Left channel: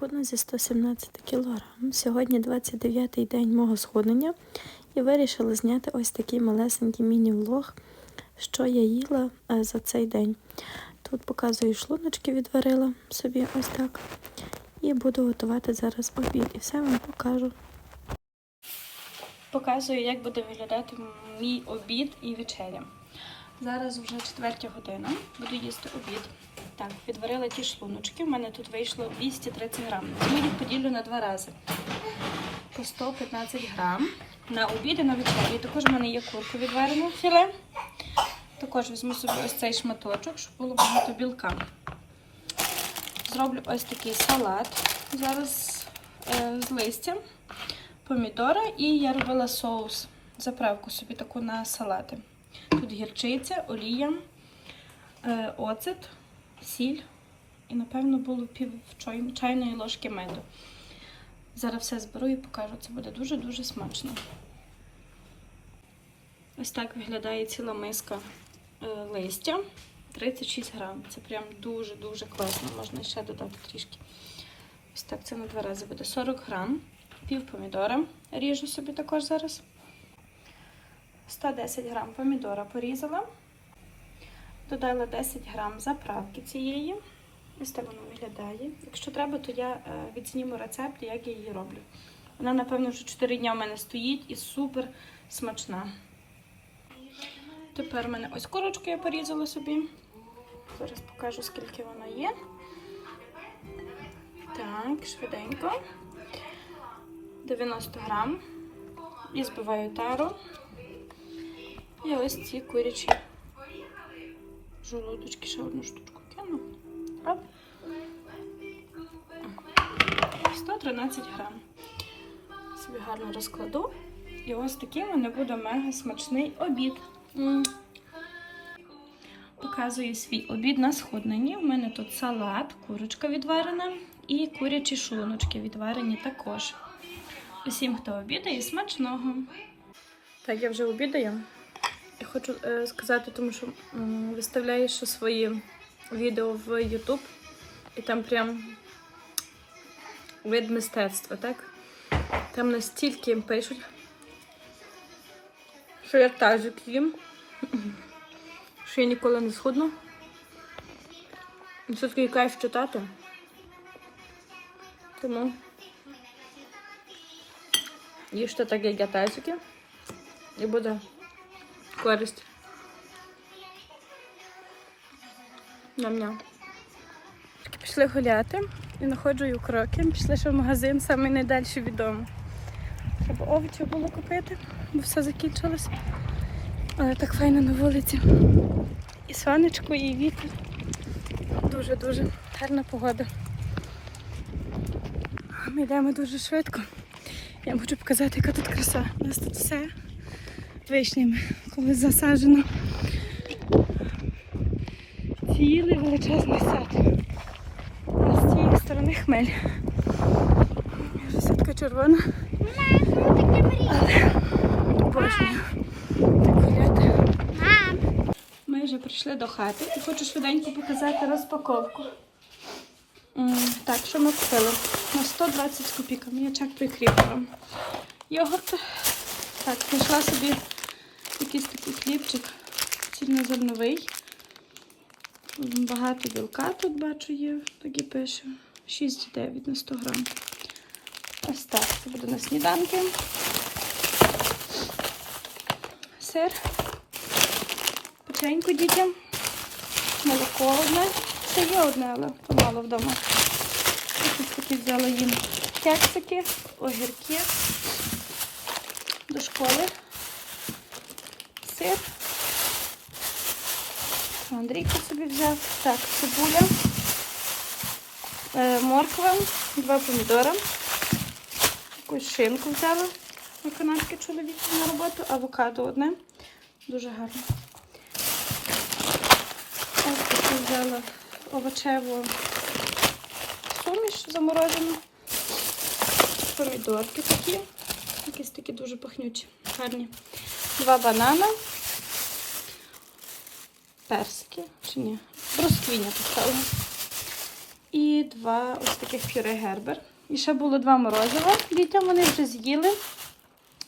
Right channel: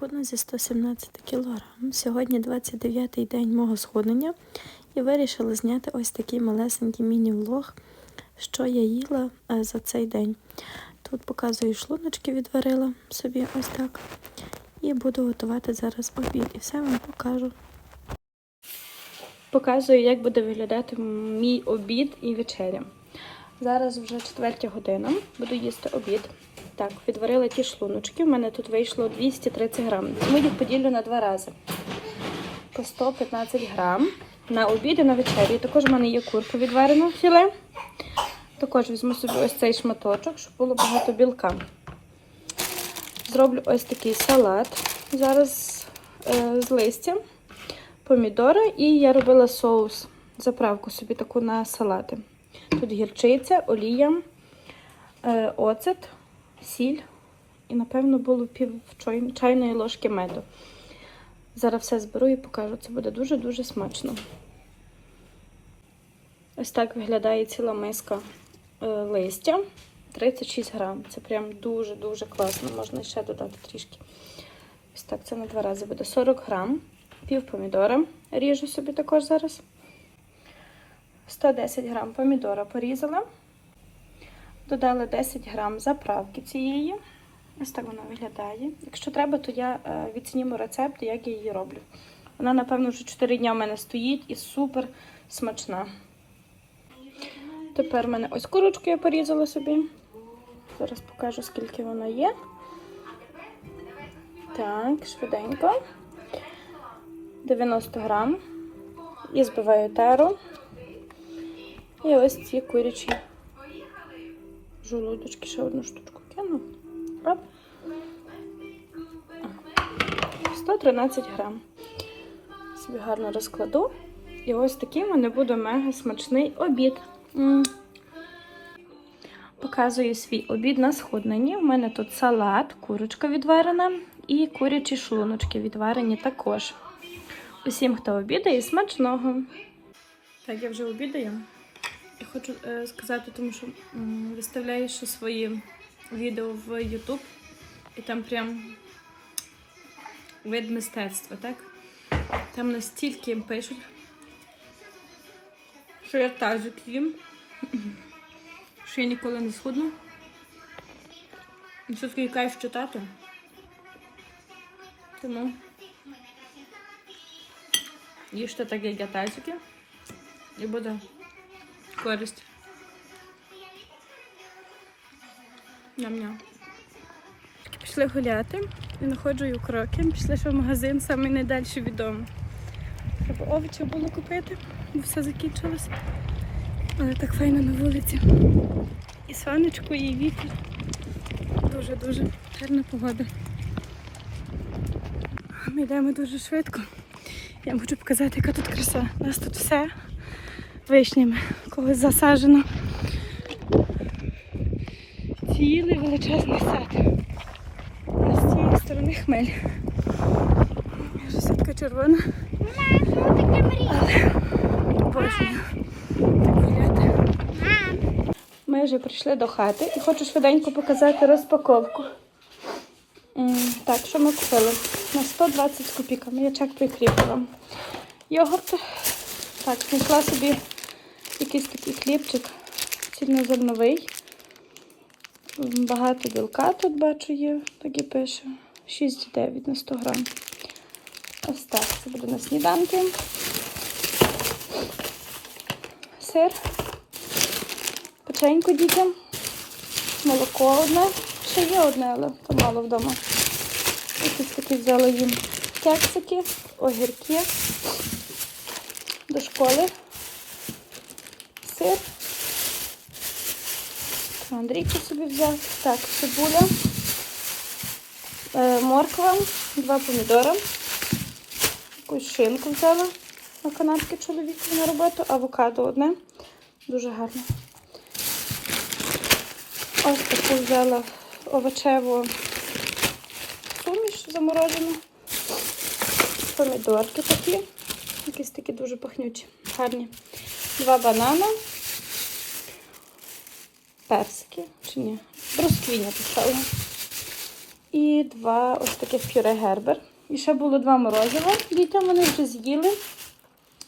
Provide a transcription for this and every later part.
худну зі 117 кг. Сьогодні 29-й день мого схуднення і вирішила зняти ось такий малесенький міні-влог, що я їла е, за цей день. Тут показую шлуночки відварила собі ось так. І буду готувати зараз обід. І все вам покажу. Показую, як буде виглядати мій обід і вечеря. Зараз вже четвертя година, буду їсти обід. Так, відварила ті шлуночки. У мене тут вийшло 230 грам. Тому їх поділю на два рази. По 115 грам на обід і на вечері. Також в мене є курка відварена філе. Також візьму собі ось цей шматочок, щоб було багато білка. Зроблю ось такий салат. Зараз е, з листям, помідори і я робила соус, заправку собі таку на салати. Тут гірчиця, олія, е, оцет, сіль і, напевно, було пів чайної ложки меду. Зараз все зберу і покажу. Це буде дуже-дуже смачно. Ось так виглядає ціла миска е, листя. 36 грам. Це прям дуже-дуже класно. Можна ще додати трішки. Ось так, це на два рази буде 40 грам. Пів помідора. Ріжу собі також зараз. 110 грам помідора порізала. Додала 10 грам заправки цієї. Ось так вона виглядає. Якщо треба, то я е, відсніму рецепт, як я її роблю. Вона, напевно, вже 4 дні в мене стоїть і супер смачна. Тепер в мене ось курочку я порізала собі. Зараз покажу, скільки вона є. Так, швиденько. 90 грам. І збиваю тару. І ось ці курячі жолудочки. Ще одну штучку кину. Оп. 113 грам. Собі гарно розкладу. І ось такий в мене буде мега смачний обід. Показую свій обід на сходненні. У мене тут салат, курочка відварена і курячі шлуночки відварені також. Усім, хто обідає, смачного. Так, я вже обідаю. Я хочу е, сказати, тому що м, виставляю ще свої відео в YouTube, і там прям вид мистецтва, так? Там настільки пишуть, що я тазик їм, що я ніколи не схудну. І все-таки кайф читати. Тому їжте так, як я тазики, і буде користь. Ням-ням. Пішли гуляти і знаходжу кроки. Пішли ще в магазин, саме найдальший від. Треба овочів було купити, бо все закінчилось. Але так файно на вулиці. І сонечко, і вітер. Дуже-дуже гарна погода. Ми йдемо дуже швидко. Я вам хочу показати, яка тут краса. У нас тут все вишнями, колись засаджено. Цілий величезний сад. А з цієї сторони хмель. Сітка червона. Обожнюю так гуляти. Ми вже прийшли до хати і хочу швиденько показати розпаковку. Так, що ми купили? На 120 копійок. Я чек прикріпила. Йогурт. Так, знайшла собі якийсь такий хлібчик цільнозерновий. Багато білка тут бачу є, так і пише. 6,9 на 100 грам. Ось так, це буде на сніданки. Сир. Печеньку дітям. Молоко одне. Ще є одне, але то мало вдома. Якісь такі взяла їм кексики, огірки до школи. Сир. Андрійко собі взяв. Так, цибуля, е, морква, два помідора. Якусь шинку взяла на канапки чоловіку на роботу, авокадо одне. Дуже гарно. Ось таку взяла овочеву суміш заморожену. Помідорки такі. Якісь такі дуже пахнючі, гарні. Два банана. Персики, чи ні? Бросквіня поставила. І два ось таких пюре гербер. І ще було два морозива. Дітям вони вже з'їли.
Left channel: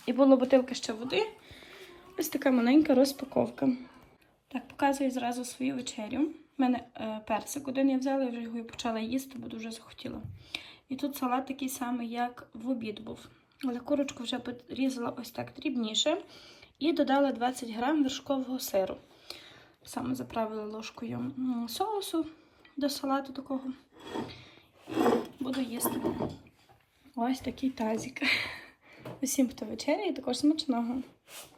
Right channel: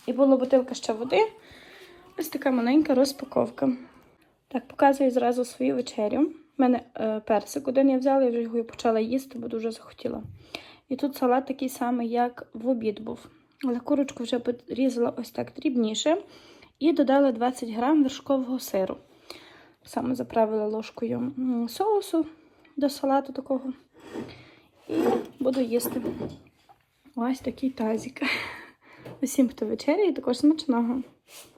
І була бутилка ще води. Ось така маленька розпаковка. Так, показую зразу свою вечерю. У мене е, персик один я взяла, я вже його почала їсти, бо дуже захотіла. І тут салат такий самий, як в обід був. Але курочку вже порізала ось так дрібніше. І додала 20 грам вершкового сиру. Саме заправила ложкою соусу до салату такого. Буду їсти. Ось такий тазик. Усім, хто вечеряє, також смачного.